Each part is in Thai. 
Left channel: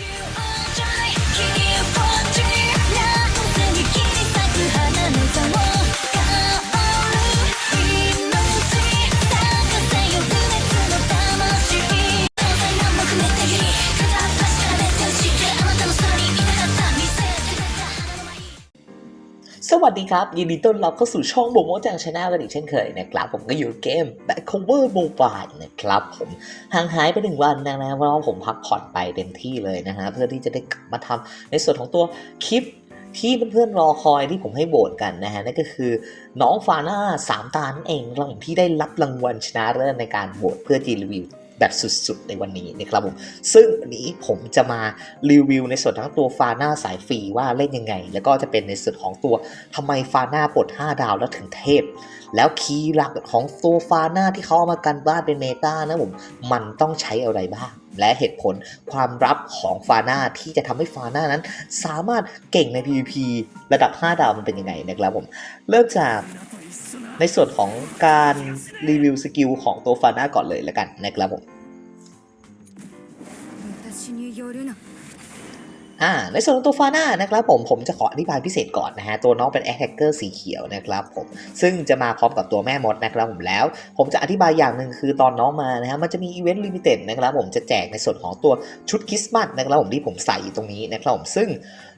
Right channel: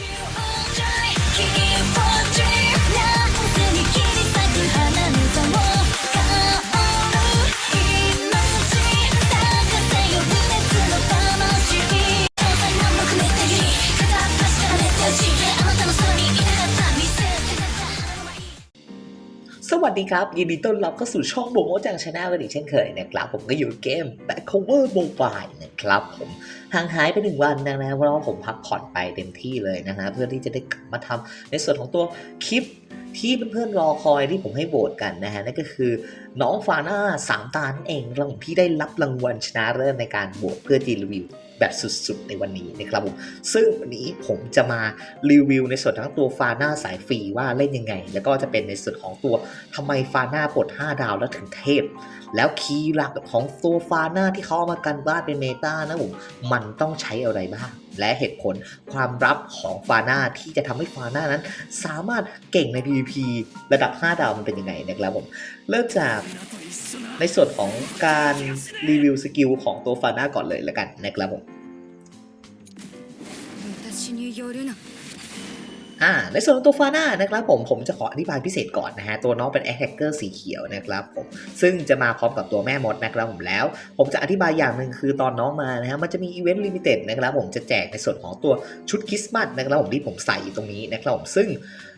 สวัสดีครับ ยินดีต้อนรับเข้าสู่ช่องโมโมจังชาแนลกันอีกเช่นเคยนะครับ ผมก็อยู่เกม Back Cover Mobile นะครับผม ห่างหายไปหนึ่งวันนะนะเพราะว่าผมพักผ่อนไปเต็มที่เลยนะฮะเพื่อที่จะได้กลับมาทำในส่วนของตัวคลิปที่เพื่อนๆรอคอยที่ผมให้โหวตกันนะฮะนั่นก็คือน้องฟาน่าสามตานั่นเองรางที่ได้รับรางวัลชนะเลิศในการโหวตเพื่อจีรีวิว แบบสุดๆ ในวันนี้นะครับผมซึ่งวันนี้ผมจะมารีวิวในส่วนทั้งตัวฟาหน้าสายฟรีว่าเล่นยังไง แล้วก็จะเป็นในส่วนของตัวทำไมฟาหน้าปลด5 ดาวแล้วถึงเทพ แล้วคีย์หลักของตัวฟาหน้าที่เขาเอามากันบ้านเป็นเมตานะผมมันต้องใช้อะไรบ้างและเหตุผลความรับของฟาน่าที่จะทำให้ฟาน่านั้น สามารถเก่งใน PvP ระดับ 5 ดาวมันเป็นยังไงนะครับผม เริ่มจากในส่วนของการรีวิวสกิลของตัวฟาน่าก่อนเลยละกันนะครับผม อ่าในส่วนของตัวฟาน่านะครับผมผมจะขออธิบายพิเศษก่อนนะฮะตัวน้องเป็นแอ t แ c กเกอร์สีเขียวนะครับผมซึ่งจะมาพร้อมกับตัวแม่มดนะครับผมแล้ว ผมจะอธิบายอย่างหนึ่งคือตอนน้องมานะฮะมันจะมีอีเวนต์ลิมิเต็ดนะครับผมจะแจกในส่วนของตัวชุดคริสต์มาสนะครับผมที่ผมใส่ตรงนี้นะครับผมซึ่ง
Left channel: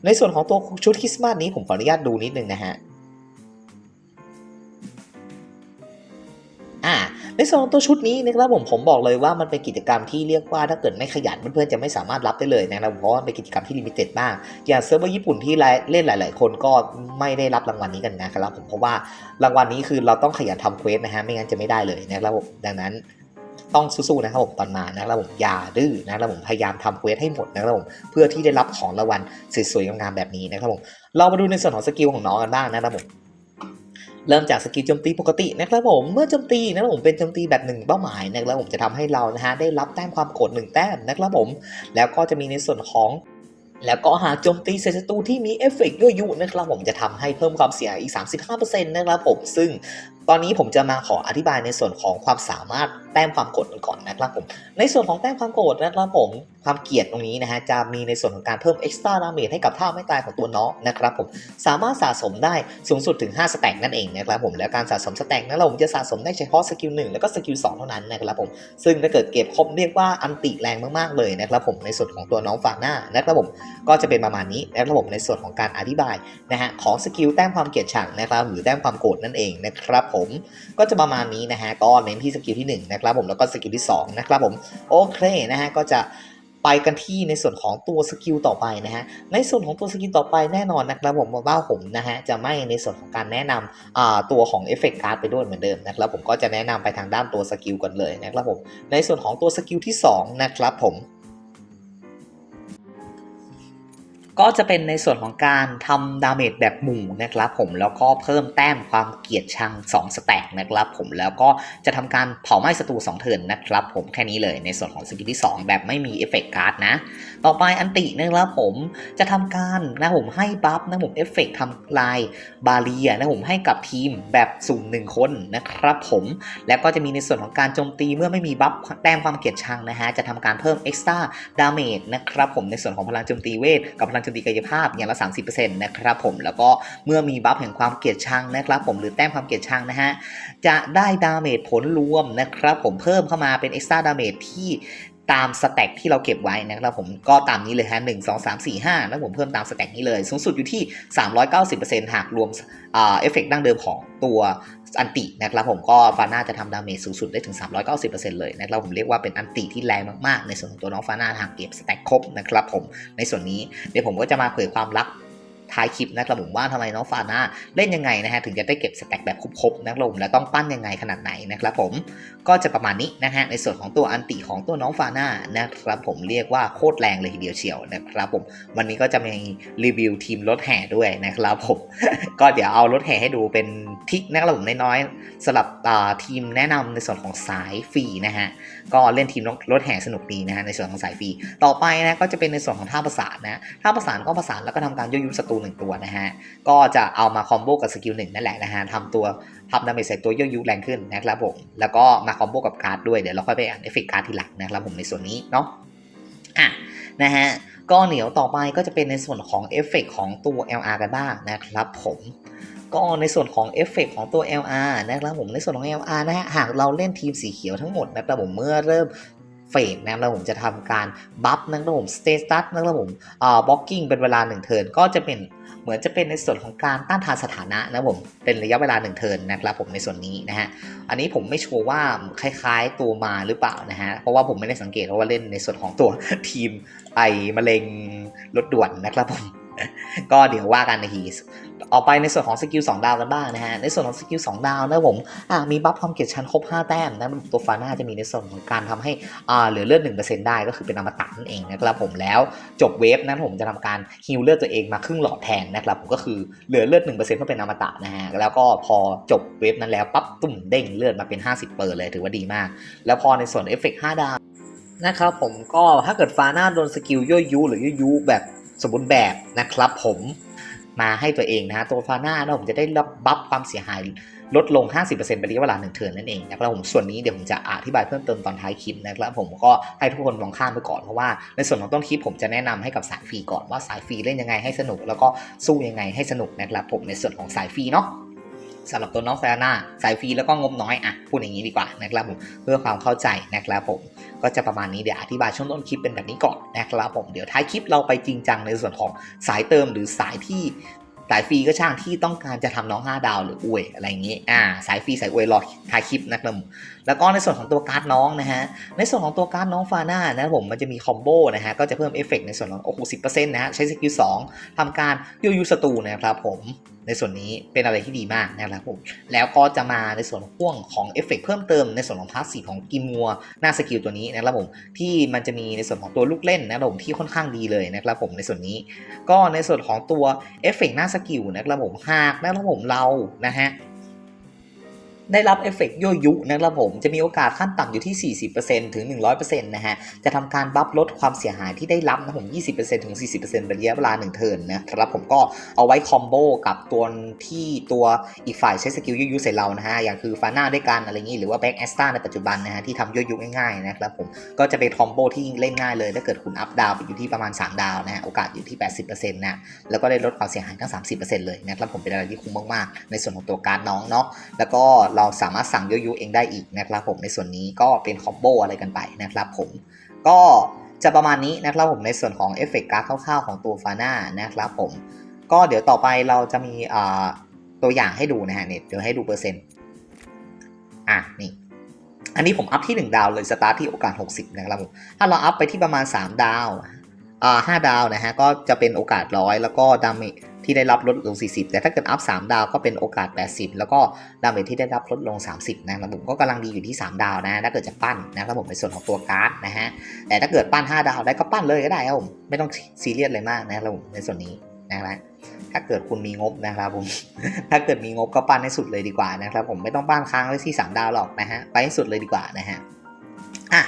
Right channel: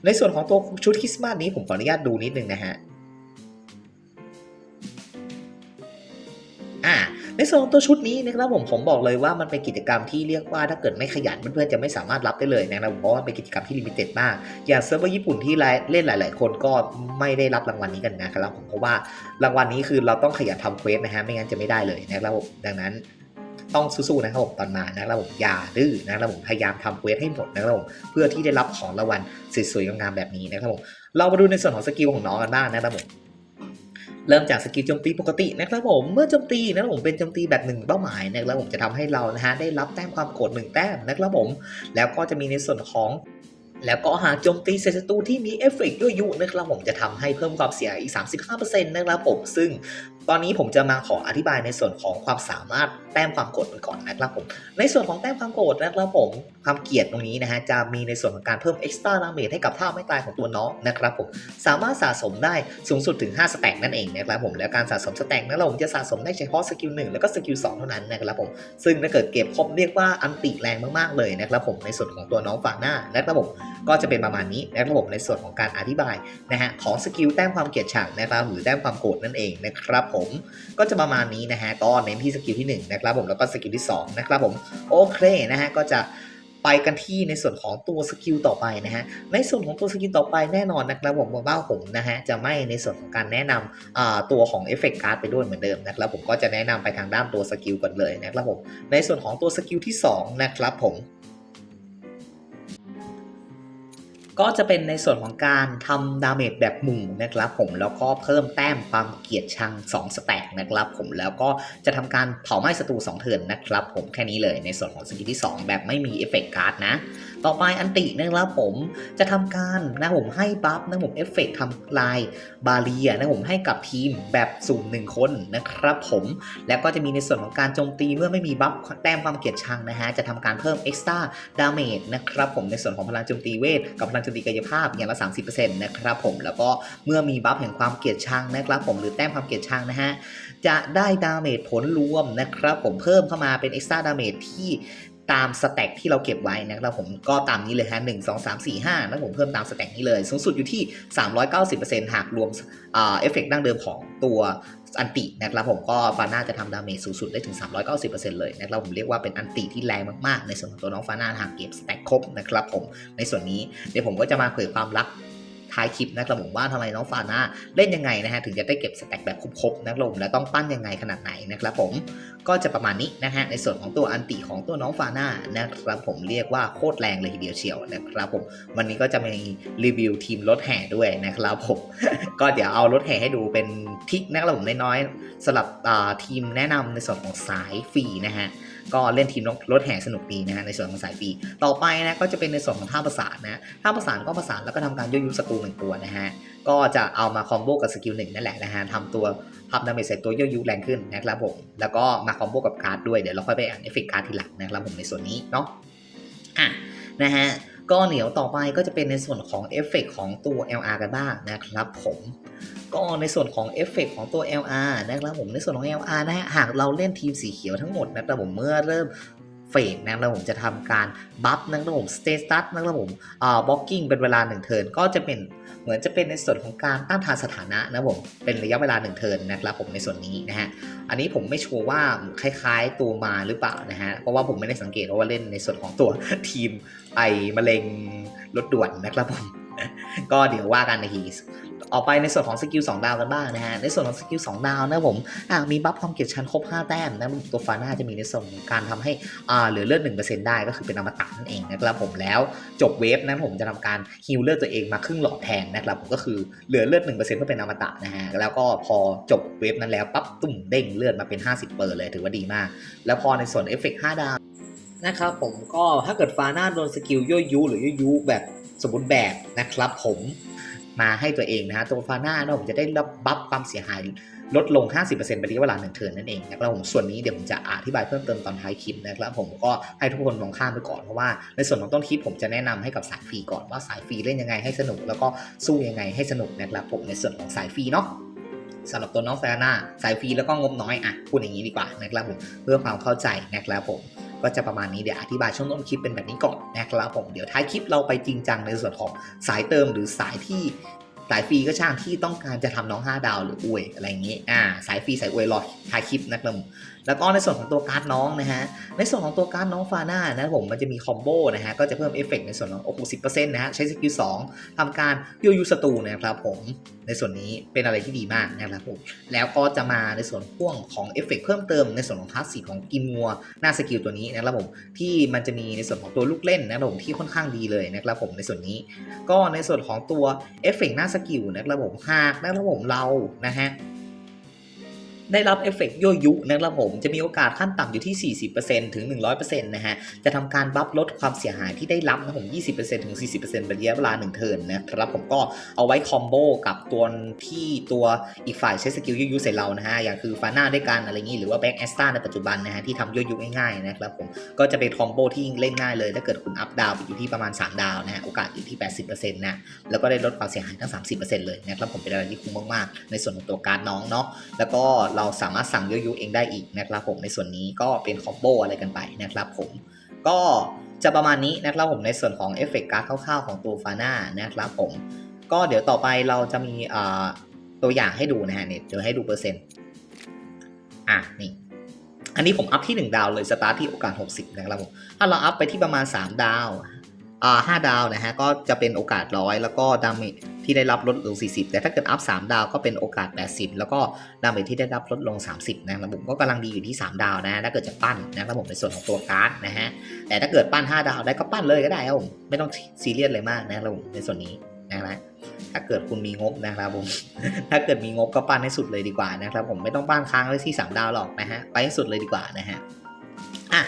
ในส่วนของตัวชุดคริสต์มาสนี้ผมขออนุญาตดูนิดนึงนะฮะอ่า ในส่วนของตัวชุดนี้นะครับผมผมบอกเลยว่ามันเป็นกิจกรรมที่เรียกว่าถ้าเกิดไม่ขยันเพื่อนๆจะไม่สามารถรับได้เลยนะครับเพราะว่าเป็นกิจกรรมที่ลิมิเต็ดมาก อย่างเซิร์ฟเวอร์ญี่ปุ่นที่เล่นหลาย ๆ คนก็ไม่ได้รับรางวัลนี้กันนะครับผมเพราะว่ารางวัลนี้คือเราต้องขยันทำเควสนะฮะไม่งั้นจะไม่ได้เลยนะครับผมดังนั้นต้องสู้ๆนะครับผมตอนมานะครับผมอย่าดื้อนะครับผมพยายามทำเควสให้หมดนะครับผมเพื่อที่ได้รับของรางวัลสวยๆงามๆแบบนี้นะครับผมเรามาดูในส่วนของสกิลของน้องกันบ้างนะครับผม เริ่มจากสกิลโจมตีปกตินะครับผมเมื่อโจมตีนะครับผมเป็นโจมตีแบบหนึ่งเป้าหมายนะครับผมจะทำให้เรานะฮะได้รับแต้มความโกรธหนึ่งแต้มนะครับผม แล้วก็จะมีในส่วนของแล้วก็หากโจมตีศัตรูที่มีเอฟเฟกต์ยั่วยุนะครับผมจะทำให้เพิ่มความเสียหายอีก 35%นะครับผม ซึ่งตอนนี้ผมจะมาขออธิบายในส่วนของความสามารถแต้มความโกรธกันก่อนนะครับผม ในส่วนของแต้มความโกรธนะครับผมความเกลียดตรงนี้นะฮะจะมีในส่วนของการเพิ่ม extra damage ให้กับท่าไม่ตายของตัวน้องนะครับผมสามารถสะสมได้สูงสุดถึง 5 สแต็กนั่นเองนะครับผมแล้วการสะสมสแต็กนั้นเราผมจะสะสมได้เฉพาะสกิล1แล้วก็สกิล2เท่านั้นนะครับผมซึ่งถ้าเกิดเก็บครบเรียกว่าอันติแรงมากๆเลยนะครับผมในส่วนของตัวน้องฝากหน้านะครับผมก็จะเป็นประมาณนี้นะครับผมในส่วนของการอธิบายนะฮะของสกิลแต้มความเกลียดชังนะครับหรือแต้มความโกรธนั่นเองนะครับผมก็จะประมาณนี้นะฮะก็เน้นที่สกิลที่1นะครับผมแล้วก็สกิลที่2นะครับผมโอเคนะฮะก็จะ ไปกันที่ในส่วนของตัวสกิลต่อไปนะฮะ ในส่วนของตัวสกิลต่อไปแน่นอนนะครับผมว่าผมนะฮะจะไม่ในส่วนของการแนะนำอ่าตัวของเอฟเฟกต์การ์ดไปด้วยเหมือนเดิมนะครับผมก็จะแนะนำไปทางด้านตัวสกิลก่อนเลยนะครับผม ในส่วนของตัวสกิลที่2นะครับผม ก็จะเป็นในส่วนของการทำดาเมจแบบหมู่นะครับผมแล้วก็เพิ่มแต้มความเกลียดชัง 2 สแต็กนะครับผมแล้วก็จะทำการเผาไหม้ศัตรู2เทิร์นนะครับผมแค่นี้เลยในส่วนของสกิลที่ 2 แบบไม่มีเอฟเฟกต์การ์ดนะ ต่อไปอันตินะครับผมจะทำการนะผมให้บัฟนะผมเอฟเฟกต์ทำลายบาเรียนะผมให้กับทีมแบบสุ่มหนึ่งคนนะครับผมแล้วก็จะมีในส่วนของการโจมตีเมื่อไม่มีบัฟแต้มความเกลียดชังนะฮะจะทำการเพิ่ม extra damage นะครับผมในส่วนของพลังโจมตีเวทกับพลังโจมตีกายภาพอย่างละ 30%นะครับผมแล้วก็เมื่อมีบัฟแห่งความเกลียดชังนะครับผมหรือแต้มความเกลียดชังนะฮะจะได้ดาเมจผลรวมนะครับผมเพิ่มเข้ามาเป็น extra damage ที่ ตามสแต็กที่เราเก็บไว้นะครับผมก็ตามนี้เลยฮะหนึ่งสองสามสี่ห้าแล้วผมเพิ่มตามสแต็กนี้เลย สูงสุดอยู่ที่ 390%หากรวมเอฟเฟกต์ดั้งเดิมของตัวอันตินะครับผมก็ฟาน่าจะทำดาเมจสูงสุดได้ถึง 390%เลยนะครับผมเรียกว่าเป็นอันติที่แรงมากๆ ในส่วนของตัวน้องฟาน่าหากเก็บสแต็กครบนะครับผมในส่วนนี้เดี๋ยวผมก็จะมาเผยความลับ ท้ายคลิปนะครับผมว่าทำไมน้องฟาน่าเล่นยังไงนะฮะถึงจะได้เก็บสแต็กแบบครบๆนะครับผมและต้องปั้นยังไงขนาดไหนนะครับผมก็จะประมาณนี้นะฮะในส่วนของตัวอันติของตัวน้องฟาน่านะครับผมเรียกว่าโคตรแรงเลยทีเดียวเชียวนะครับผมวันนี้ก็จะมีรีวิวทีมรถแห่ด้วยนะครับผมก็เดี๋ยวเอารถแห่ให้ดูเป็นทิกนะครับผมน้อยๆสำหรับทีมแนะนำในส่วนของสายฟรีนะฮะ ก็เล่นทีมรถแห่สนุกดีนะฮะในส่วนของสายฟรีต่อไปนะก็จะเป็นในส่วนของท่าประสานนะท่าประสานก็ประสานแล้วก็ทำการยั่วยุศัตรูหนึ่งตัวนะฮะก็จะเอามาคอมโบกับสกิลหนึ่งนั่นแหละนะฮะทำตัวทำดาเมจใส่ตัวยั่วยุแรงขึ้นนะครับผมแล้วก็มาคอมโบกับการ์ดด้วยเดี๋ยวเราค่อยไปอ่านเอฟเฟกต์การ์ดทีหลังนะครับผมในส่วนนี้เนาะอะนะฮะก็เหนียวต่อไปก็จะเป็นในส่วนของเอฟเฟกของตัว LR กันบ้างนะครับผม ก็ในส่วนของเอฟเฟกของตัว LR นะครับผมในส่วนของ LR นะฮะหากเราเล่นทีมสีเขียวทั้งหมดนะครับผมเมื่อเริ่มเฟกนะครับผมจะทำการบัฟนะครับผมสเตตัสนะครับผมอ่าบล็อกกิ้งเป็นเวลา1เทิร์นก็จะเป็นเหมือนจะเป็นในส่วนของการต้านทานสถานะนะครับผมเป็นระยะเวลา1เทิร์นนะครับผมในส่วนนี้นะฮะอันนี้ผมไม่ชัวร์ว่าคล้ายๆตัวมาหรือเปล่านะฮะเพราะว่าผมไม่ได้สังเกตว่าเล่นในส่วนของตัวทีมไอมะเร็งรถด่วนนะครับผมก็เดี๋ยวว่ากันในที ออกไปในส่วนของสกิล2ดาวกันบ้างนะฮะ ในส่วนของสกิล2ดาวนะผมมีบัฟความเกลียดชันครบ 5 แต้มนะตัวฟาน่าจะมีในส่วนของการทำให้เหลือเลือด1%ได้ก็คือเป็นอมตะนั่นเองนะครับผมแล้วจบเวฟนั้นผมจะทำการฮิลเลือดตัวเองมาครึ่งหลอดแทนนะครับผมก็คือเหลือเลือด1%เพื่อเป็นอมตะนะฮะแล้วก็พอจบเวฟนั้นแล้วปั๊บตุ่มเด้งเลือดมาเป็น 50เปอร์เลยถือว่าดีมาก แล้วพอในส่วนเอฟเฟกต์5ดาวนะครับผมก็ถ้าเกิดฟาน่าโดนสกิลย่อยยุหรือย่อยยุแบบสมบูรณ์แบบนะครับผม มาให้ตัวเองนะฮะตัวฟาน่าเนะผมจะได้รับบัฟความเสียหายลดลง 50%เป็นระยะเวลาหนึ่งเทิร์นนั่นเองนะครับผมส่วนนี้เดี๋ยวผมจะอธิบายเพิ่มเติมตอนท้ายคลิปนะครับผมก็ให้ทุกคนมองข้ามไปก่อนเพราะว่าในส่วนของต้นคลิปผมจะแนะนำให้กับสายฟรีก่อนว่าสายฟรีเล่นยังไงให้สนุก แล้วก็สู้ยังไงให้สนุกนะครับผมในส่วนของสายฟรีเนาะสำหรับตัวน้องฟาน่าสายฟรีแล้วก็งบน้อยอะพูดอย่างนี้ดีกว่านะครับผมเพื่อความเข้าใจนะครับผม ก็จะประมาณนี้เดี๋ยวอธิบายช่วงต้นคลิปเป็นแบบนี้ก่อนนะครับผมเดี๋ยวท้ายคลิปเราไปจริงจังในส่วนของสายเติมหรือสายที่สายฟรีก็ช่างที่ต้องการจะทำน้อง 5 ดาวหรืออวยอะไรอย่างนี้อ่าสายฟรีสายอวยรอท้ายคลิปนะครับผมแล้วก็ในส่วนของตัวการ์ดน้องนะฮะ ในส่วนของตัวการ์ดน้องฟาน่านะครับผมมันจะมีคอมโบนะฮะ ก็จะเพิ่มเอฟเฟกต์ในส่วนของโอ้โหสินะฮะ ใช้สกิล2ทำการยูยูศัตรูนะครับผม ในส่วนนี้เป็นอะไรที่ดีมากนะครับผม แล้วก็จะมาในส่วนพ่วงของเอฟเฟกต์เพิ่มเติมในส่วนของพาสซีฟของกิมัวหน้าสกิลตัวนี้นะครับผม ที่มันจะมีในส่วนของตัวลูกเล่นนะครับผมที่ค่อนข้างดีเลยนะครับผมในส่วนนี้ ก็ในส่วนของตัวเอฟเฟกต์หน้าสกิลนะครับผมหากนะครับผมเรานะฮะ ได้รับเอฟเฟกต์ยั่วยุนะครับผม จะมีโอกาสขั้นต่ำอยู่ที่ 40%ถึง 100%นะฮะ จะทำการบัฟลดความเสียหายที่ได้รับนะผม 20%ถึง 40%เป็นระยะเวลา1เทิร์นนะครับผมก็เอาไว้คอมโบกับตัวที่ตัวอีกฝ่ายใช้สกิลยั่วยุใส่เรานะฮะ อย่างคือฟาน่าด้วยกันอะไรอย่างนี้หรือว่าแบ็กแอสตาในปัจจุบันนะฮะที่ทำยั่วยุง่ายๆนะครับผม ก็จะเป็นคอมโบที่เล่นง่ายเลย ถ้าเกิดคุณอัพดาวไปอยู่ที่ประมาณ 3 ดาวนะฮะ โอกาสอยู่ที่ 80%นะแล้วก็ได้ลดความเสียหายทั้ง 30%เลยนะครับผมเป็นอะไรที่คุ้มมากๆ ในส่วนของตัวการน้องเนาะแล้วก็เราสามารถสั่งโยยุเองได้อีกนะครับผมในส่วนนี้ก็เป็นคอมโบอะไรกันไปนะครับผมก็จะประมาณนี้นะครับผมในส่วนของเอฟเฟกต์การ์ดคร่าวๆของตัวฟาน่านะครับผมก็เดี๋ยวต่อไปเราจะมีตัวอย่างให้ดูนะฮะเนี่ยเดี๋ยวให้ดูเปอร์เซ็นต์อะนี่อันนี้ผมอัพที่ 1 ดาวเลยสตาร์ทที่โอกาส 60 นะครับผมถ้าเราอัพไปที่ประมาณ 3 ดาวอ่าห้าดาวนะฮะก็จะเป็นโอกาสร้อยแล้วก็ดาเมจ ที่ได้รับลดลง 40 แต่ถ้าเกิดอัพ3ดาวก็เป็นโอกาส 80 แล้วก็ดาเมจที่ได้รับลดลง 30 นะครับผมก็กำลังดีอยู่ที่ 3 ดาวนะถ้าเกิดจะปั้นนะครับผมในส่วนของตัวการ์ดนะฮะแต่ถ้าเกิดปั้น 5 ดาวได้ก็ปั้นเลยก็ได้ครับผมไม่ต้องซีเรียสเลยมากนะครับผมในส่วนนี้นะครับถ้าเกิดคุณมีงบนะครับผม ถ้าเกิดมีงบก็ปั้นให้สุดเลยดีกว่านะครับผมไม่ต้องปั้นค้างไว้ที่ 3 ดาวหรอกนะฮะ ไปให้สุดเลยดีกว่านะฮะ อะ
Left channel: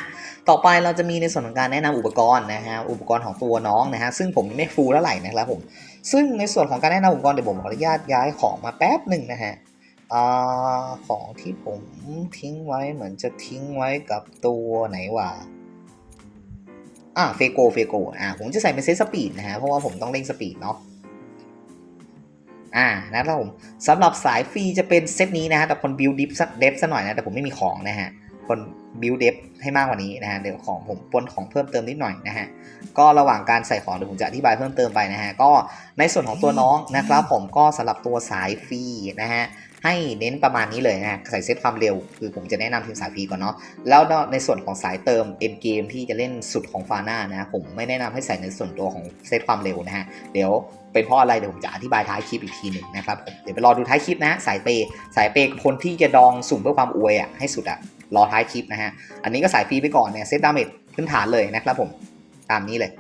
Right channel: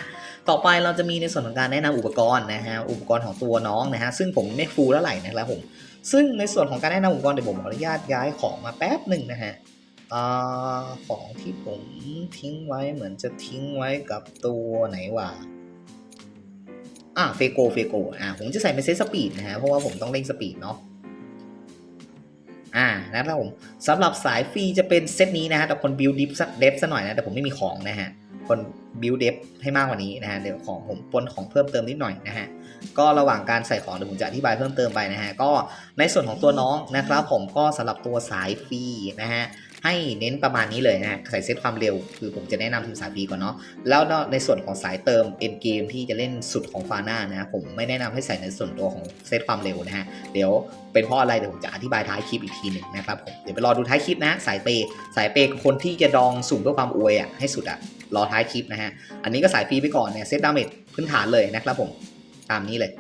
ต่อไปเราจะมีในส่วนของการแนะนำอุปกรณ์นะฮะ อุปกรณ์ของตัวน้องนะฮะ ซึ่งผมไม่ฟูลเท่าไหร่นะครับผม ซึ่งในส่วนของการแนะนำอุปกรณ์เดี๋ยวผมขออนุญาตย้ายของมาแป๊บหนึ่งนะฮะอของที่ผมทิ้งไว้เหมือนจะทิ้งไว้กับตัวไหนวะอ่าเฟโกเฟโกอ่าผมจะใส่เป็นเซตสปีดนะฮะเพราะว่าผมต้องเร่งสปีดเนาะอ่านะครับผมสำหรับสายฟรีจะเป็นเซตนี้นะฮะแต่คนบิวดิฟสักเดฟซะหน่อยนะแต่ผมไม่มีของนะฮะ คนบิวเดฟให้มากกว่านี้นะฮะเดี๋ยวของผมปนของเพิ่มเติมนิดหน่อยนะฮะก็ระหว่างการใส่ของเดี๋ยวผมจะอธิบายเพิ่มเติมไปนะฮะก็ในส่วนของตัวน้องนะครับผมก็สำหรับตัวสายฟรีนะฮะ ให้เน้นประมาณนี้เลยนะใส่เซตความเร็ว คือผมจะแนะนำทีมสายฟรีก่อนเนาะแล้วในส่วนของสายเติมเอ็นเกมที่จะเล่นสุดของฟาน่านะผมไม่แนะนำให้ใส่ในส่วนตัวของเซตความเร็วนะฮะเดี๋ยวเป็นเพราะอะไรเดี๋ยวผมจะอธิบายท้ายคลิปอีกทีหนึ่งนะครับผมเดี๋ยวไปรอดูท้ายคลิปนะสายเปสายเปคนที่จะดองสุ่มเพื่อความอวยอะให้สุดอะรอท้ายคลิปนะฮะอันนี้ก็สายฟรีไปก่อนเนี่ยเซตดาเมจพื้นฐานเลยนะครับผมตามนี้เลย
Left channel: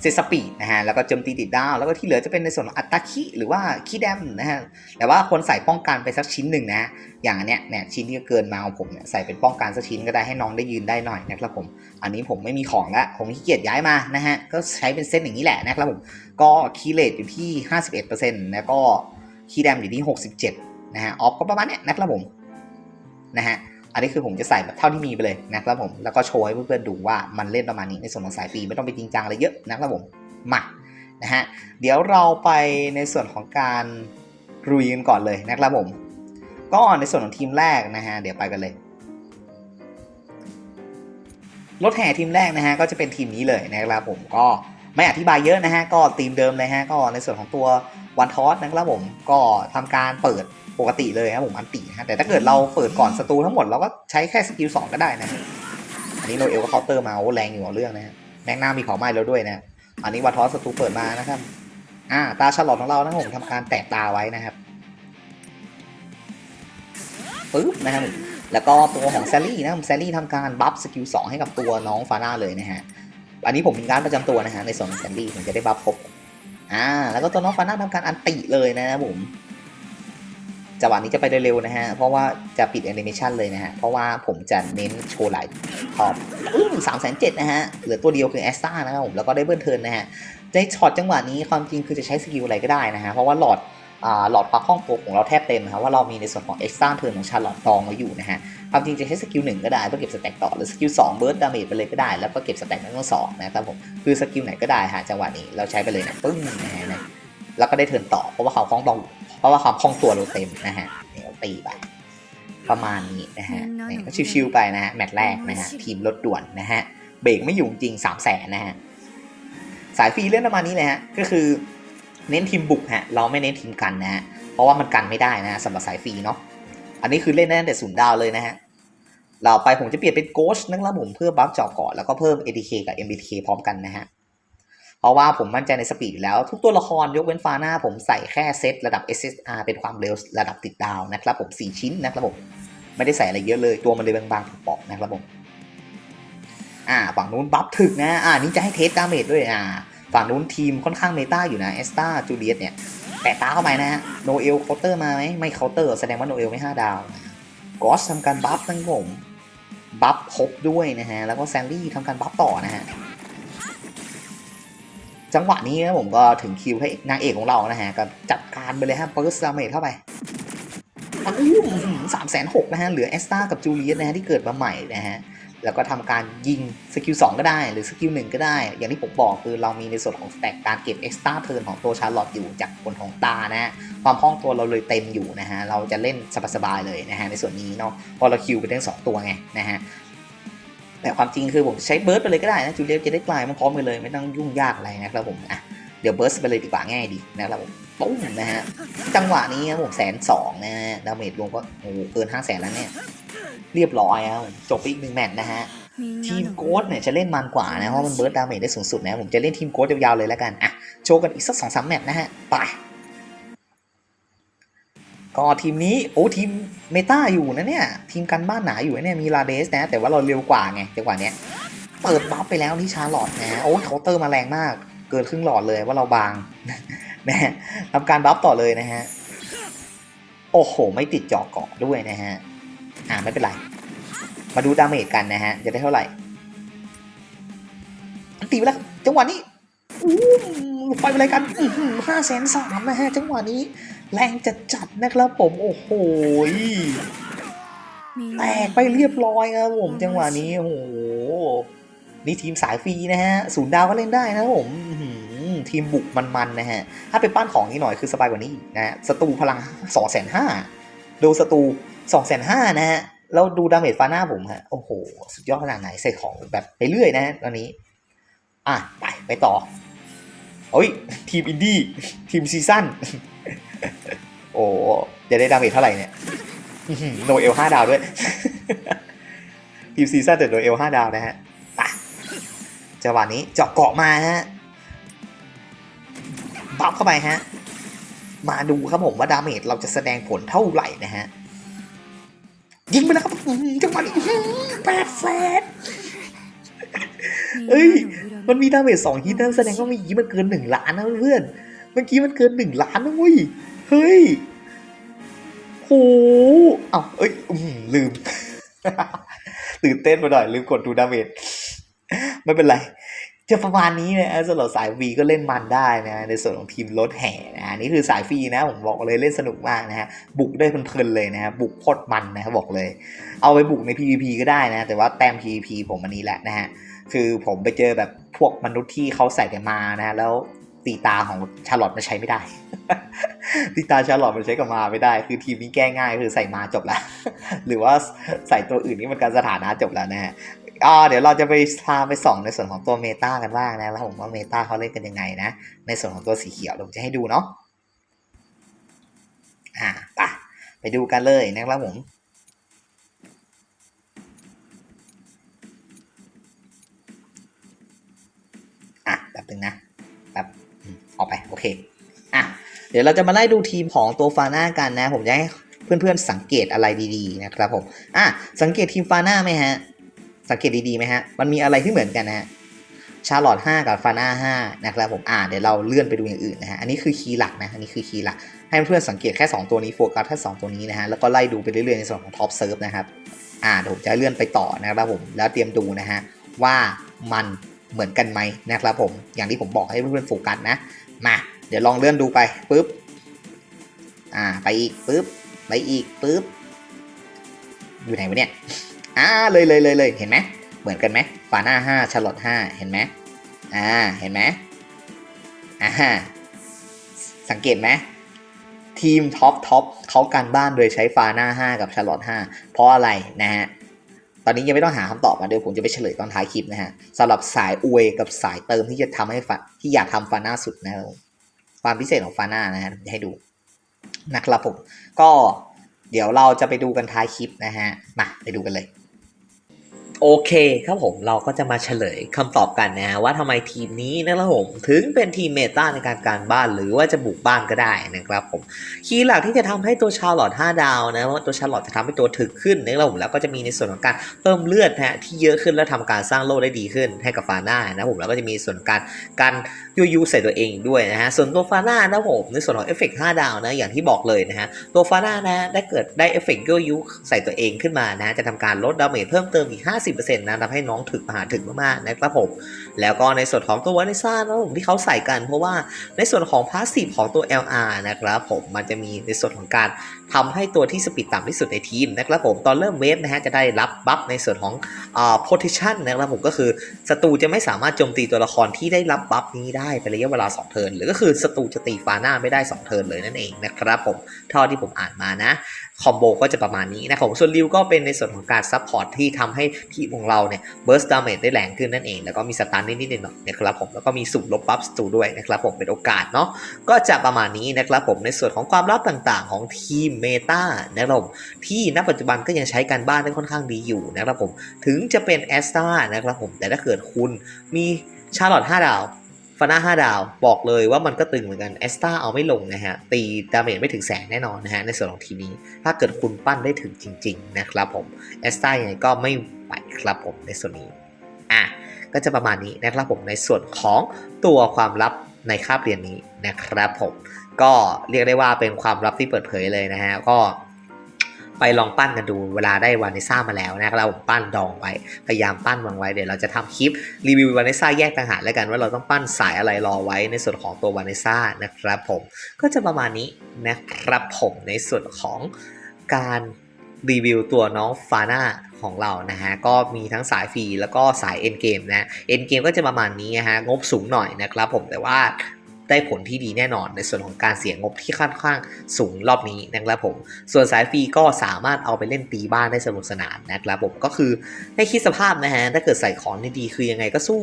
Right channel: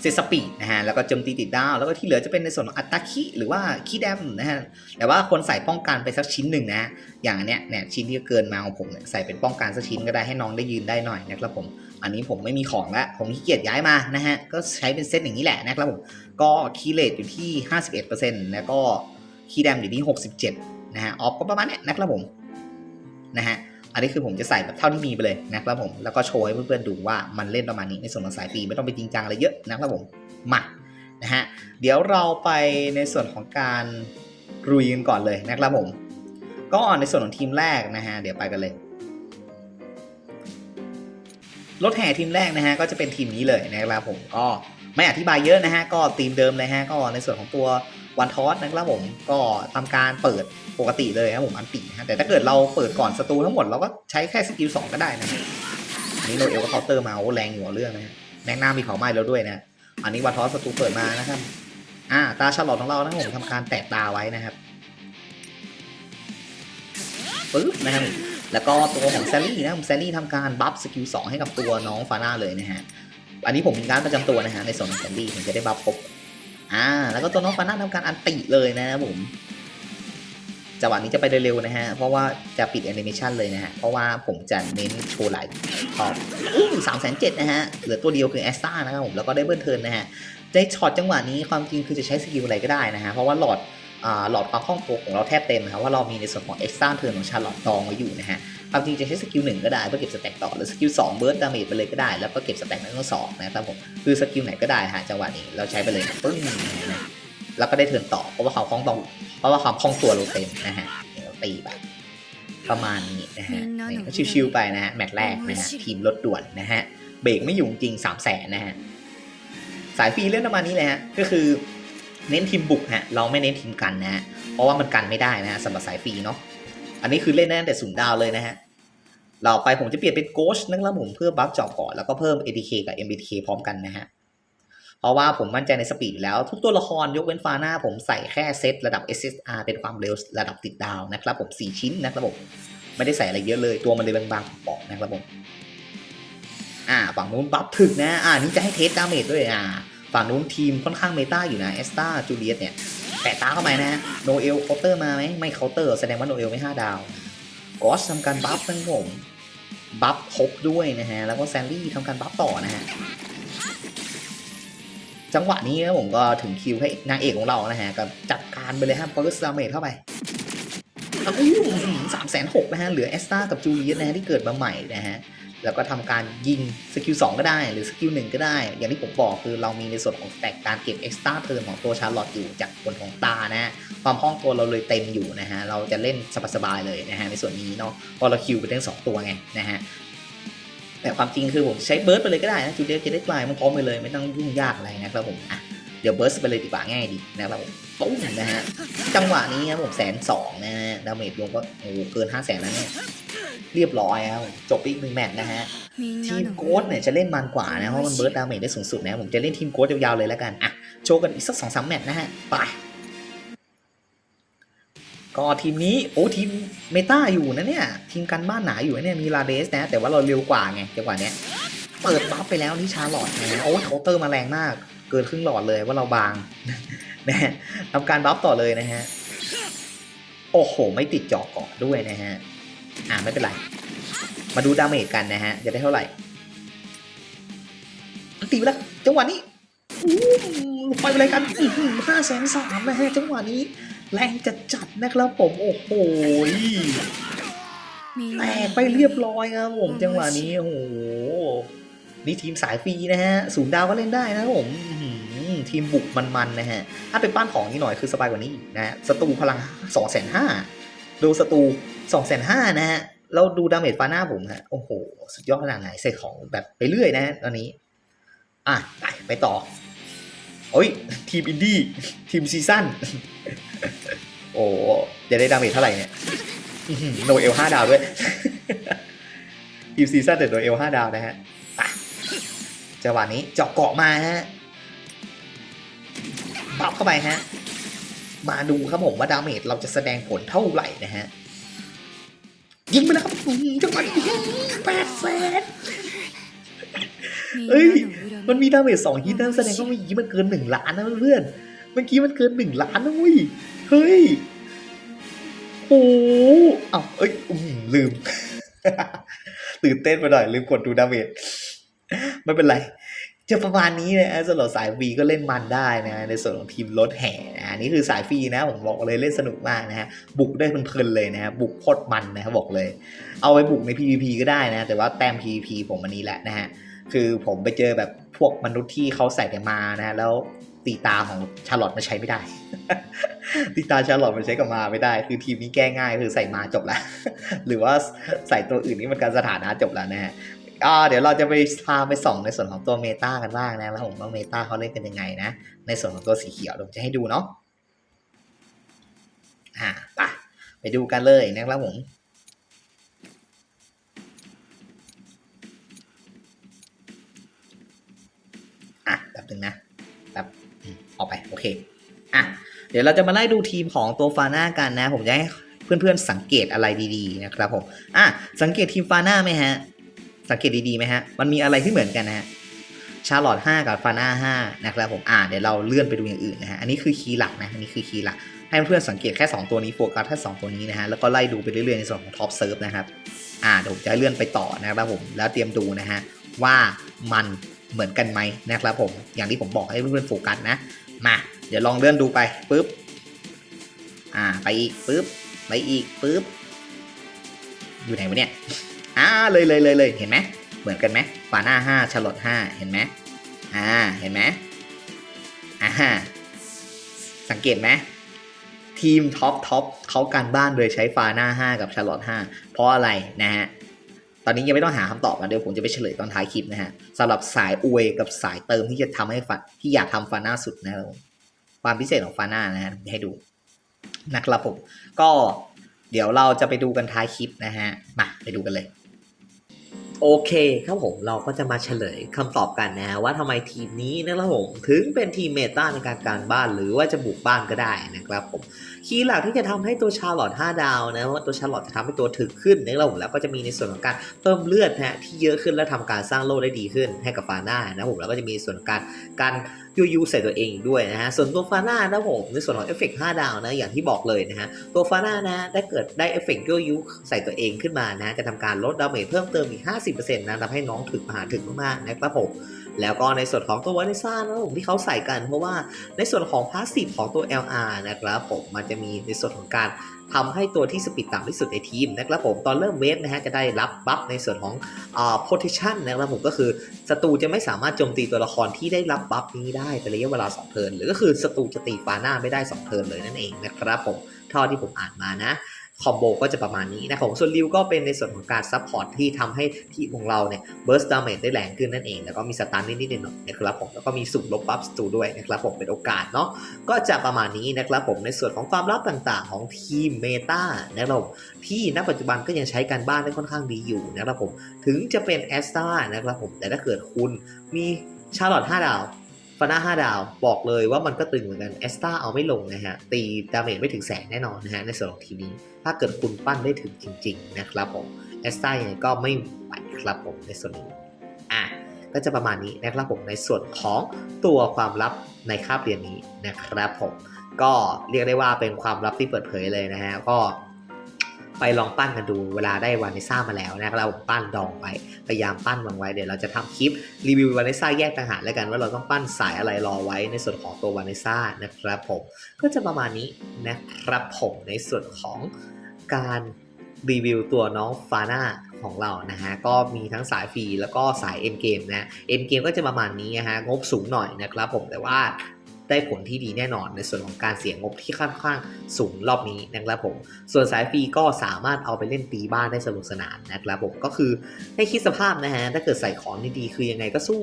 เซสปีดนะฮะแล้วก็โจมตีติดดาว แล้วก็ที่เหลือจะเป็นในส่วนของอัตตาคิหรือว่าคีแดมนะฮะแต่ว่าคนใส่ป้องกันไปสักชิ้นหนึ่งนะ อย่างอันเนี้ยเนี่ยชิ้นที่เกินมาของผมเนี่ยใส่เป็นป้องกันสักชิ้นก็ได้ให้น้องได้ยืนได้หน่อยนะครับผม อันนี้ผมไม่มีของล้วผมขี้เกียจย้ายมานะฮะก็ใช้เป็นเซตอย่างนี้แหละนะครับผมก็คีเลตอยู่ที่ 51%แล้วก็คีแดมอยู่ที่ 67นะฮะออฟก็ประมาณเนี้ยนะครับผมนะฮะ อันนี้คือผมจะใส่แบบเท่าที่มีไปเลยนะครับผม แล้วก็โชว์ให้เพื่อนๆดูว่ามันเล่นประมาณนี้ในส่วนของสายฟรีไม่ต้องไปจริงจังอะไรเยอะนะครับผมมานะฮะเดี๋ยวเราไปในส่วนของการรุยกันก่อนเลยนะครับผม ก็ในส่วนของทีมแรกนะฮะเดี๋ยวไปกันเลยรถแห่ทีมแรกนะฮะก็จะเป็นทีมนี้เลยนะครับผมก็ ไม่อธิบายเยอะนะฮะ ก็ทีมเดิมเลยฮะ ก็ในส่วนของตัววันทอสนะครับผม ก็ทำการเปิดปกติเลยครับผมอันตินะฮะแต่ถ้าเกิดเราเปิดก่อนศัตรูทั้งหมดเราก็ใช้แค่สกิลสองก็ได้นะฮะอันนี้โนเอลก็เคาน์เตอร์มาโอ้แรงอยู่เอาเรื่องนะฮะแม็กนามีเขาไม้แล้วด้วยนะ อันนี้วันทอสศัตรูเปิดมานะครับอ่าตาฉลอดของเรานะครับผมทำการแตะตาไว้นะครับปึ๊บนะครับแล้วก็ตัวของแซลลี่นะครับแซลลี่ทำการบัฟสกิลสองให้กับตัวน้องฟาน่าเลยนะฮะ อันนี้ผมมีการประจำตัวนะฮะในส่วนของแซลลี่ผมจะได้บัฟครบอ่า แล้วก็ตัวน้องฟาน่าทำการอันติเลยนะครับผมจังหวะนี้จะไปเร็วๆนะฮะ เพราะว่าจะปิดแอนิเมชันเลยนะฮะ เพราะว่าผมจะเน้นโชว์หลายท็อปสามแสนเจ็ดนะฮะ เหลือตัวเดียวคือแอสตานะครับผม แล้วก็ได้เบิร์นเทิร์นนะฮะ ในช็อตจังหวะนี้ความจริงคือจะใช้สกิลอะไรก็ได้นะฮะ เพราะว่าหลอดอ่าหลอดความคล่องตัวของเราแทบเต็มนะครับว่าเรามีในส่วนของเอ็กซ์ตร้าเทิร์นของชาร์ลอตตองไว้อยู่นะฮะ ความจริงจะใช้สกิลหนึ่งก็ได้เพื่อเก็บสแต็กต่อหรือสกิลสองเบิร์ดดาเมจไปเลยก็ได้แล้วก็เก็บสแต็กทั้งสองนะครับผมคือสกิลไหนก็ได้ฮะจังหวะนี้เราใช้ไปเลยนะปึ้งนะฮะนะแล้วก็ได้เทิร์นต่อเพราะว่าความคล่องตัวเพราะว่าความคล่องตัวเราเต็มนะฮะเดี๋ยวตีไปประมาณนี้นะฮะเนี่ยก็ชิวๆไปนะฮะแมตช์แรกนะฮะทีมรถด่วนนะฮะเบรกไม่อยู่จริงสามแสนนะฮะสายฟรีเล่นประมาณนี้เลยฮะก็คือเน้นทีมบุกฮะเราไม่เน้นทีมกันนะฮะเพราะว่ามันกันไม่ได้นะฮะสำหรับสายฟรีเนาะ อันนี้คือเล่นได้ตั้งแต่ศูนย์ดาวเลยนะฮะเราไปผมจะเปลี่ยนเป็นโกชนะครับผมเพื่อบัฟจอบก่อนแล้วก็เพิ่ม ATK กับ MBTK พร้อมกันนะฮะเพราะว่าผมมั่นใจในสปีดอยู่แล้ว ทุกตัวละครยกเว้นฟาหน้าผมใส่แค่เซตระดับ SSR เป็นความเร็วระดับติดดาวนะครับผม 4 ชิ้นนะครับผม ไม่ได้ใส่อะไรเยอะเลยตัวมันเลยบางๆปอกนะครับผมอ่าฝั่งนู้นบัฟถึกนะอ่านี่จะให้เทสดาเมจด้วยอ่าฝั่งนู้นทีมค่อนข้างเมตาอยู่นะเอสตาจูเลียสเนี่ย แปะตาเข้าไปนะโนเอลเคาน์เตอร์มาไหมไม่เคาน์เตอร์แสดงว่าโนเอลไม่ห้าดาวกอสทำการบัฟทั้งผมบัฟครบด้วยนะฮะ แล้วก็แซนลี่ทำการบัฟต่อนะฮะ จังหวะนี้นะผมก็ถึงคิวให้นางเอกของเรานะฮะ ก็จัดการไปเลยฮะเปิร์สดาเมจเข้าไปอู้สามแสนหกนะฮะ เหลือเอสตากับจูเลียสนะฮะ ที่เกิดมาใหม่นะฮะ แล้วก็ทำการยิงสกิล2ก็ได้ หรือสกิล1ก็ได้ อย่างที่ผมบอกคือเรามีในส่วนของแตกการเก็บเอ็กซ์ตร้าเทิร์นของตัวชาร์ลอตอยู่จากผลของตานะฮะความคล่องตัวเราเลยเต็มอยู่นะฮะเราจะเล่นสบายๆเลยนะฮะในส่วนนี้เนาะพอเราคิวไปทั้งสองตัวไงนะฮะแต่ความจริงคือผมใช้เบิร์ดไปเลยก็ได้นะจูเลียจะได้กลายมันพร้อมไปเลยไม่ต้องยุ่งยากอะไรนะครับผมอะ เดี๋ยวเบิร์ดไปเลยดีกว่าง่ายดีนะครับผมปุ้งนะฮะจังหวะนี้ครับผมแสนสองนะฮะดาเมจรวมก็โอ้เกินห้าแสนแล้วเนี่ยเรียบร้อยครับจบอีกหนึ่งแมตช์นะฮะทีมโกดเนี่ยจะเล่นมันกว่านะเพราะมันเบิร์ดดาเมจได้สูงสุดนะผมจะเล่นทีมโกดยาวๆเลยแล้วกันอะโชว์กันอีกสักสองสามแมตช์นะฮะไปก็ทีมนี้โอ้ทีมเมตาอยู่นะเนี่ยทีมกันบ้านหนาอยู่เนี่ยมีลาเดสนะ แต่ว่าเราเร็วกว่าไงจังหวะเนี้ยเปิดบัฟไปแล้วที่ชาร์ลอตนะโอ้เคาน์เตอร์มาแรงมาก เกินครึ่งหลอดเลยว่าเราบางนะฮะทำการบัฟต่อเลยนะฮะ โอ้โห ไม่ติดจอเกาะด้วยนะฮะ อ่าไม่เป็นไร มาดูดาเมจกันนะฮะ จะได้เท่าไหร่ ตีไปแล้วจังหวะนี้อู้ไปอะไรกันห้าแสนสามนะฮะ จังหวะนี้ แรงจัดจัดๆนะครับผม โอ้โหแตกไปเรียบร้อยครับผม จังหวะนี้ โอ้โห นี่ทีมสายฟรีนะฮะศูนย์ดาวก็เล่นได้นะครับผมทีมบุกมันๆนะฮะ ถ้าเป็นป้านของนี่หน่อยคือสบายกว่านี้นะฮะสตูพลังสองแสนห้าดูสตูสองแสนห้านะฮะ แล้วดูดาเมจฟาหน้าผมฮะ โอ้โห สุดยอดขนาดไหนใส่ของแบบไปเรื่อยนะฮะตอนนี้ อะ ไป ไปต่อโอ้ย ทีมอินดี้ ทีมซีซั่น โอ้จะได้ดาเมจเท่าไหร่เนี่ยโนเอลห้าดาวด้วย ทีมซีซั่นแต่โนเอลห้าดาวนะฮะ จังหวะนี้เจาะเกาะมาฮะบัฟเข้าไปฮะ มาดูครับผมว่าดาเมจเราจะแสดงผลเท่าไหร่นะฮะ ยิงไปแล้วครับจังหวะนี้แปดแสนเอ้ย มันมีดาเมจสองฮิตนะแสดงว่าเมื่อกี้มันเกินหนึ่งล้านนะเพื่อน เมื่อกี้มันเกินหนึ่งล้านนะเว้ย เฮ้ยโหเอ้าเอ้ยลืม ตื่นเต้นไปหน่อย ลืมกดดูดาเมจ ไม่เป็นไรจะประมาณนี้นะสำหรับสายฟรีก็เล่นมันได้นะในส่วนของทีมรถแห่นะนี่คือสายฟรีนะผมบอกเลยเล่นสนุกมากนะฮะบุกได้เพลินๆเลยนะฮะบุกโคตรมันนะครับบอกเลย เอาไปบุกใน PVP ก็ได้นะ แต่ว่าแต้ม PVP ผมอันนี้แหละนะฮะคือผมไปเจอแบบพวกมนุษย์ที่เขาใส่แต่มานะฮะแล้วตีตาของชาร์ลอตมันใช้ไม่ได้ตีตาชาร์ลอตมันใช้กับมาไม่ได้ คือทีมนี้แก้ง่ายคือใส่มาจบแล้ว หรือว่าใส่ตัวอื่นนี่มันการสถานะจบแล้วนะฮะ อ่าเดี๋ยวเราจะไปพาไปส่องในส่วนของตัวเมตากันบ้างนะแล้วผมว่าเมตาเขาเล่นกันยังไงนะ ในส่วนของตัวสีเขียวผมจะให้ดูเนาะอ่าไปไปดูกันเลยนะครับผมอะแป๊บนึงนะแป๊บอออกไปโอเคอะเดี๋ยวเราจะมาไล่ดูทีมของตัวฟาน่ากันนะ ผมจะให้เพื่อนๆสังเกตอะไรดีๆนะครับผมอะสังเกตทีมฟาน่าไหมฮะ สังเกตดีๆไหมฮะ มันมีอะไรที่เหมือนกันนะฮะชาร์ลอต5กับฟาน่า5นะครับผมอ่าเดี๋ยวเราเลื่อนไปดูอย่างอื่นนะฮะอันนี้คือคีย์หลักนะอันนี้คือคีย์หลัก ให้เพื่อนๆสังเกตแค่ 2 ตัวนี้โฟกัสแค่2ตัวนี้นะฮะแล้วก็ไล่ดูไปเรื่อยๆในส่วนของท็อปเซิร์ฟนะครับอ่าเดี๋ยวผมจะเลื่อนไปต่อนะครับผมแล้วเตรียมดูนะฮะว่ามันเหมือนกันไหมนะครับผมอย่างที่ผมบอกให้เพื่อนๆโฟกัสนะมาเดี๋ยวลองเลื่อนดูไปปุ๊บอ่าไปอีกปุ๊บไปอีกปุ๊บอยู่ไหนวะเนี่ย อ่าเลยเลยเลยเลยเห็นไหมเหมือนกันไหมฟาน่าห้าชาร์ลอตห้าเห็นไหมอ่าเห็นไหมอ่าสังเกตไหมทีมท็อปท็อปเขาการบ้านโดยใช้ฟาน่าห้ากับชาร์ลอตห้าเพราะอะไรนะฮะ ตอนนี้ยังไม่ต้องหาคำตอบนะเดี๋ยวผมจะไปเฉลยตอนท้ายคลิปนะฮะสำหรับสายอวยกับสายเติมที่จะทำให้ฟที่อยากทำฟาน่าสุดนะครับผมความพิเศษของฟาน่านะฮะผมจะให้ดูนะครับผมก็เดี๋ยวเราจะไปดูกันท้ายคลิปนะฮะมาไปดูกันเลย โอเคครับผมเราก็จะมาเฉลยคำตอบกันนะว่าทำไมทีมนี้นะครับผมถึงเป็นทีมเมตาในการการบ้านหรือว่าจะบุกบ้านก็ได้นะครับผมคีย์หลักที่จะทำให้ตัวชาลอต5ดาวนะว่าตัวชาลอตจะทำให้ตัวถึกขึ้นนะครับผมแล้วก็จะมีในส่วนของการเพิ่มเลือดนะฮะที่เยอะขึ้นและทำการสร้างโล่ได้ดีขึ้นให้กับฟาน่านะครับผมแล้วก็จะมีส่วนการการ ยูยูใส่ตัวเองด้วยนะฮะ ส่วนตัวฟาน่านะผมในส่วนของเอฟเฟกต์5ดาวนะอย่างที่บอกเลยนะฮะ ตัวฟาน่านะได้เกิดได้เอฟเฟกต์ยูยูใส่ตัวเองขึ้นมานะจะทำการลดดาเมจเพิ่มเติมอีก 50%นะทำให้น้องถึกมหาถึกมากๆนะครับผม แล้วก็ในส่วนของตัววานิซ่านะผมที่เขาใส่กัน เพราะว่าในส่วนของพาสซีฟของตัว LR นะครับผมมันจะมีในส่วนของการทำให้ตัวที่สปีดต่ำที่สุดในทีมนะครับผมตอนเริ่มเวฟนะฮะจะได้รับบัฟในส่วนของอ่า position นะครับผมก็คือศัตรูจะไม่สามารถโจมตีตัวละครที่ได้รับบัฟนี้ได้เป็นระยะเวลา 2 เทิร์นหรือก็คือศัตรูจะตีฟาหน้าไม่ได้ 2 เทิร์นเลยนั่นเองนะครับผมเท่าที่ผมอ่านมานะ คอมโบก็จะประมาณนี้นะครับผมส่วนริวก็เป็นในส่วนของการซัพพอร์ตที่ทำให้ทีมของเราเนี่ยเบิร์สดาเมจได้แรงขึ้นนั่นเอง แล้วก็มีสตันนิดๆหน่อยๆนะครับผมแล้วก็มีสุ่มลบบัฟสตูด้วยนะครับผมเป็นโอกาสเนาะก็จะประมาณนี้นะครับผมในส่วนของความลับต่างๆ ของทีมเมตานะครับที่ณปัจจุบันก็ยังใช้การบ้านได้ค่อนข้างดีอยู่นะครับผมถึงจะเป็นแอสตานะครับผมแต่ถ้าเกิดคุณมีชาร์ลอต5ดาว ฟาน่า5ดาวบอกเลยว่ามันก็ตึงเหมือนกันแอสตาเอาไม่ลงนะฮะ ตีดาเมจไม่ถึงแสนแน่นอนนะฮะ ในส่วนของทีมนี้ ถ้าเกิดคุณปั้นได้ถึงจริง ๆ นะครับผมแอสตายังไงก็ไม่ไหวครับผมในส่วนนี้ อะ ก็จะประมาณนี้นะครับผมในส่วนของตัวความลับในคาบเรียนนี้นะครับผมก็เรียกได้ว่าเป็นความลับที่เปิดเผยเลยนะฮะก็ ไปลองปั้นกันดูเวลาได้วานิซ่ามาแล้วนะครับผมปั้นดองไว้พยายามปั้นวางไว้เดี๋ยวเราจะทำคลิปรีวิววานิซ่าแยกต่างหากแล้วกัน ว่าเราต้องปั้นสายอะไรรอไว้ในส่วนของตัววานิซ่านะครับผมก็จะประมาณนี้นะครับผมในส่วนของการรีวิวตัวน้องฟาน่าของเรานะฮะก็มีทั้งสายฟรีแล้วก็สายเอ็นเกมนะเอ็นเกมก็จะประมาณนี้นะฮะงบสูงหน่อยนะครับผมแต่ว่า ได้ผลที่ดีแน่นอนในส่วนของการเสียงบที่ค่อนข้างสูงรอบนี้นะครับผม ส่วนสายฟรีก็สามารถเอาไปเล่นตีบ้านได้สนุกสนานนะครับผมก็คือให้คิดสภาพนะฮะถ้าเกิดใส่ของดีๆคือยังไงก็สู้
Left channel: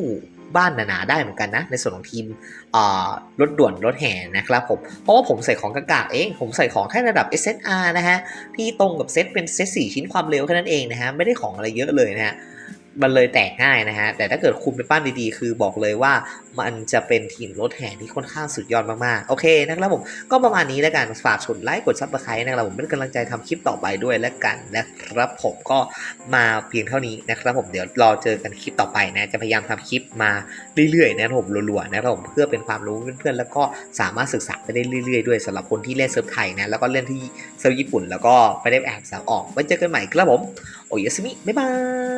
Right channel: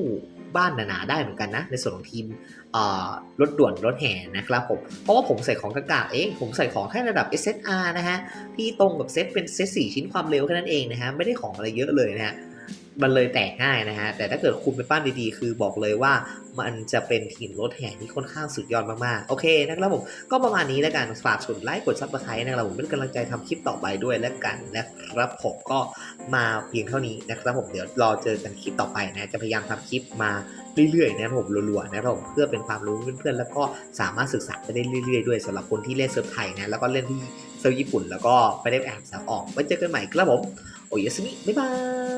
บ้านหนาๆได้เหมือนกันนะ ในส่วนของทีมรถด่วนรถแห่นะครับผม เพราะว่าผมใส่ของกากๆเอง ผมใส่ของแค่ระดับ SSR นะฮะ ที่ตรงกับเซตเป็นเซต4ชิ้นความเร็วแค่นั้นเองนะฮะ ไม่ได้ของอะไรเยอะเลยนะฮะ มันเลยแตกง่ายนะฮะ แต่ถ้าเกิดคุณไปปั้นดีๆ คือบอกเลยว่ามันจะเป็นทีมรถแห่ที่ค่อนข้างสุดยอดมากๆ โอเคนะครับผม ก็ประมาณนี้แล้วกันฝากกดไลค์กดซับสไครต์นะครับผมเป็นกำลังใจทำคลิปต่อไปด้วยแล้วกันนะครับผมก็มาเพียงเท่านี้นะครับผมเดี๋ยวรอเจอกันคลิปต่อไปนะ จะพยายามทำคลิปมาเรื่อยๆนะครับผมรัวๆนะครับผมเพื่อเป็นความรู้เพื่อนๆแล้วก็สามารถศึกษาไปได้เรื่อยๆ ด้วยสำหรับคนที่เล่นเซิร์ฟไทยนะแล้วก็เล่นที่เซิร์ฟญี่ปุ่น แล้วก็ไปได้แอบสาวออกไว้เจอกันใหม่ครับผมโอยสมิบ๊ายบาย